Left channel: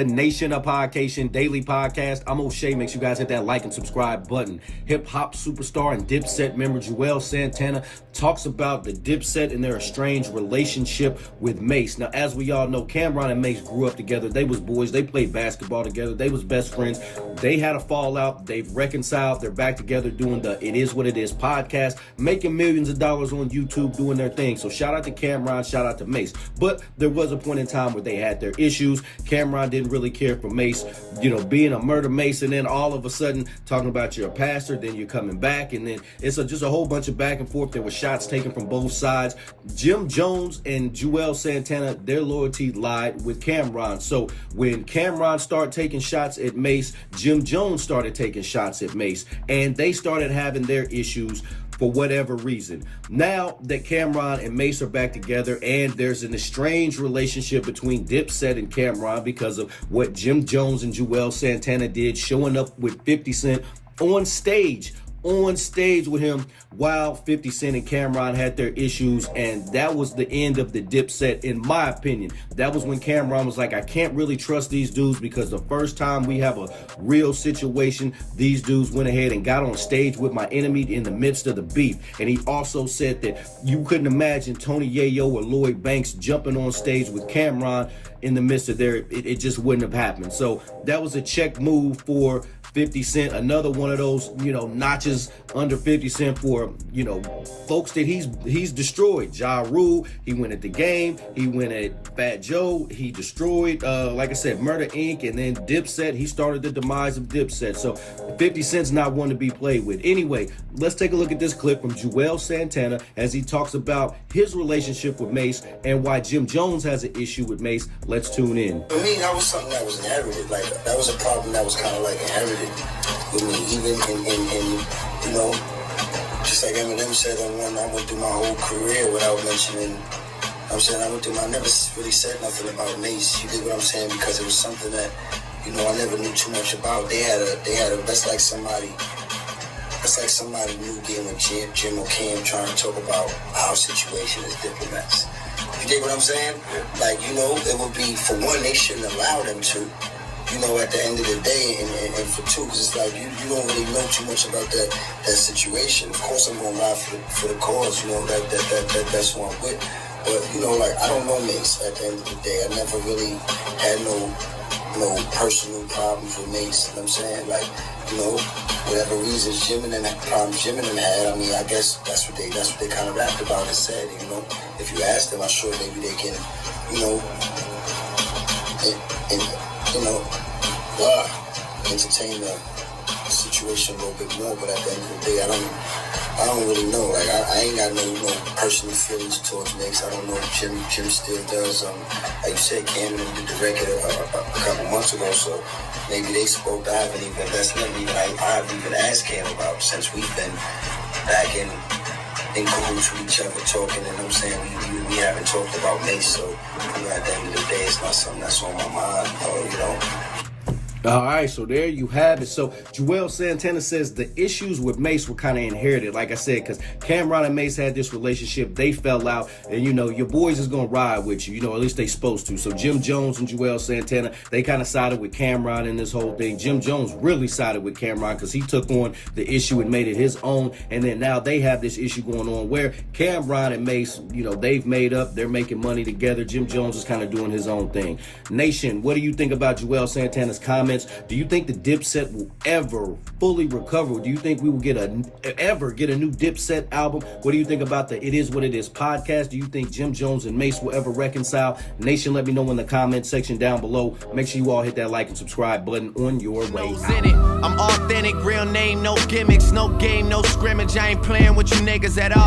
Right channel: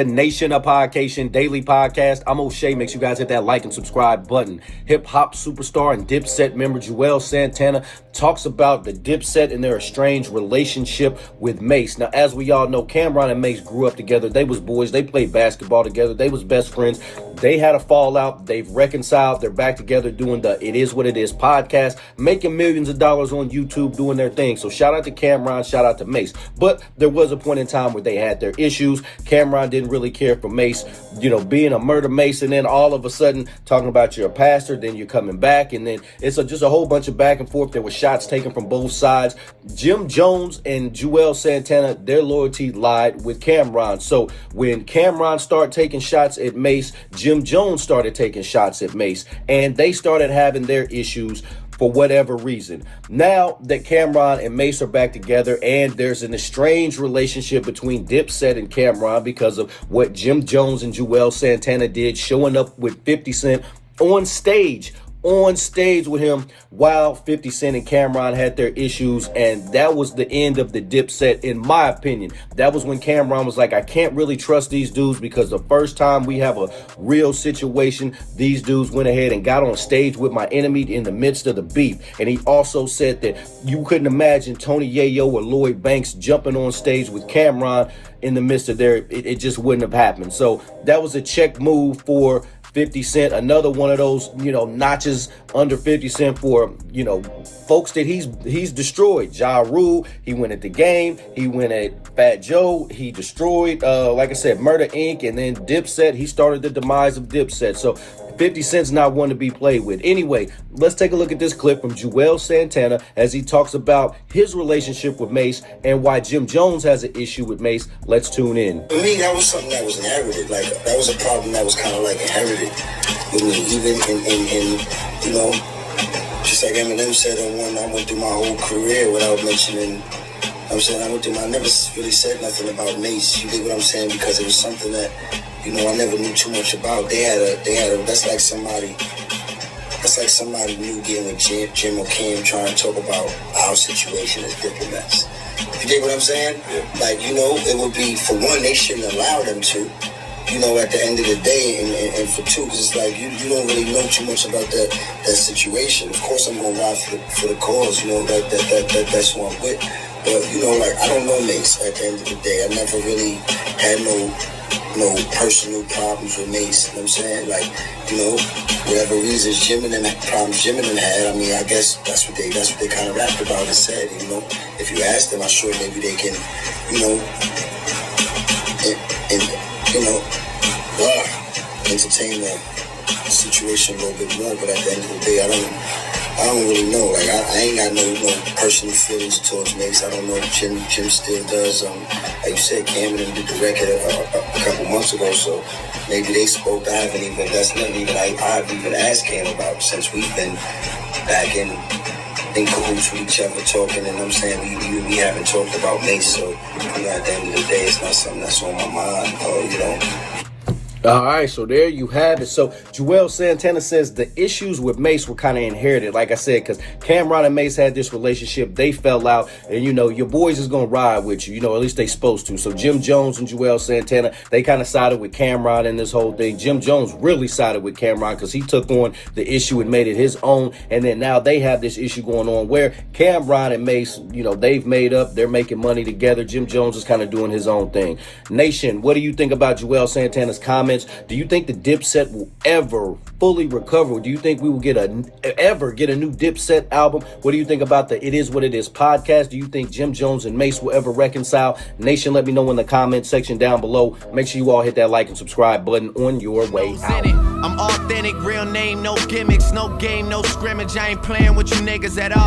the Nation of Podcation Daily Podcast. I'm O'Shea. Make sure you guys hit that like and subscribe button. Hip-hop superstar and Dipset member Juelz Santana talks about the Dipset and their estranged relationship with Mase. Now, as we all know, Cam'ron and Mase grew up together. They was boys. They played basketball together. They was best friends. They had a fallout. They've reconciled. They're back together doing the It Is What It Is podcast, making millions of dollars on YouTube, doing their thing. So shout out to Cam'ron, shout out to Mase. But there was a point in time where they had their issues. Cam'ron didn't really care for Mase, being a murder mason, and then all of a sudden talking about you're a pastor, then you're coming back, and then it's just a whole bunch of back and forth. There were shots taken from both sides. Jim Jones and Juelz Santana, their loyalty lied with Cam'ron. So when Cam'ron started taking shots at Mase, Jim Jones started taking shots at Mase, and they started having their issues for whatever reason. Now that Cam'ron and Mase are back together, and there's an estranged relationship between Dipset and Cam'ron because of what Jim Jones and Juelz Santana did, showing up with 50 Cent on stage with him while 50 Cent and Cam'ron had their issues, and that was the end of the Dipset, in my opinion. That was when Cam'ron was like, I can't really trust these dudes, because the first time we have a real situation, these dudes went ahead and got on stage with my enemy in the midst of the beef. And he also said that you couldn't imagine Tony Yayo or Lloyd Banks jumping on stage with Cam'ron in the midst of it just wouldn't have happened. So that was a check move for 50 Cent, another one of those, notches under 50 Cent for, folks that he's destroyed. Ja Rule, he went at the game, he went at Fat Joe, he destroyed, like I said, Murder Inc., and then Dipset, he started the demise of Dipset. So 50 Cent's not one to be played with. Anyway, let's take a look at this clip from Juelz Santana as he talks about his relationship with Mase and why Jim Jones has an issue with Mase. Let's tune in. For me, that was something that was inherited. Like, that was a problem that was kind of like inherited with me, even in just like Eminem said, I went through my whole career without mentioning, I never really said nothing about Mase. You get what I'm saying? Because it was something that, I never knew too much about. That's like somebody new getting with Jim or Cam trying to talk about our situation as diplomats. You get what I'm saying? Yeah. Like, it would be, for one, they shouldn't allow them to, at the end of the day, and for two, because it's like, you don't really know too much about that situation. Of course, I'm going to ride for the cause, that's who I'm with. But, I don't know Mase at the end of the day. I never really had no personal problems with Mase, you know what I'm saying? Like, whatever reasons problems Jim and them had, I guess that's what they kind of rapped about and said, If you ask them, I'm sure maybe they can, entertain the situation a little bit more, but at the end of the day, I don't really know. Like, I ain't got no personal feelings towards Mase. I don't know if Jim still does. Like you said, Cam and them did the record a couple months ago, so maybe they spoke. I've even asked Cam about, since we've been back in cahoots with each other, talking, and I'm saying we haven't talked about Mase, so at the end of the day, it's not something that's on my mind, All right, so there you have it. So Juelz Santana says the issues with Mase were kind of inherited, like I said, because Cam'ron and Mase had this relationship. They fell out, and, your boys is going to ride with you, at least they supposed to. So Jim Jones and Juelz Santana, they kind of sided with Cam'ron in this whole thing. Jim Jones really sided with Cam'ron because he took on the issue and made it his own. And then now they have this issue going on where Cam'ron and Mase, they've made up. They're making money together. Jim Jones is kind of doing his own thing. Nation, what do you think about Juelz Santana's comments? Do you think the Dipset will ever fully recover? Do you think we will ever get a new Dipset album? What do you think about the It Is What It Is podcast? Do you think Jim Jones and Mase will ever reconcile? Nation, let me know in the comment section down below. Make sure you all hit that like and subscribe button on your way out. I'm authentic, real name, no gimmicks, no game, no scrimmage. I ain't playing with you niggas at all.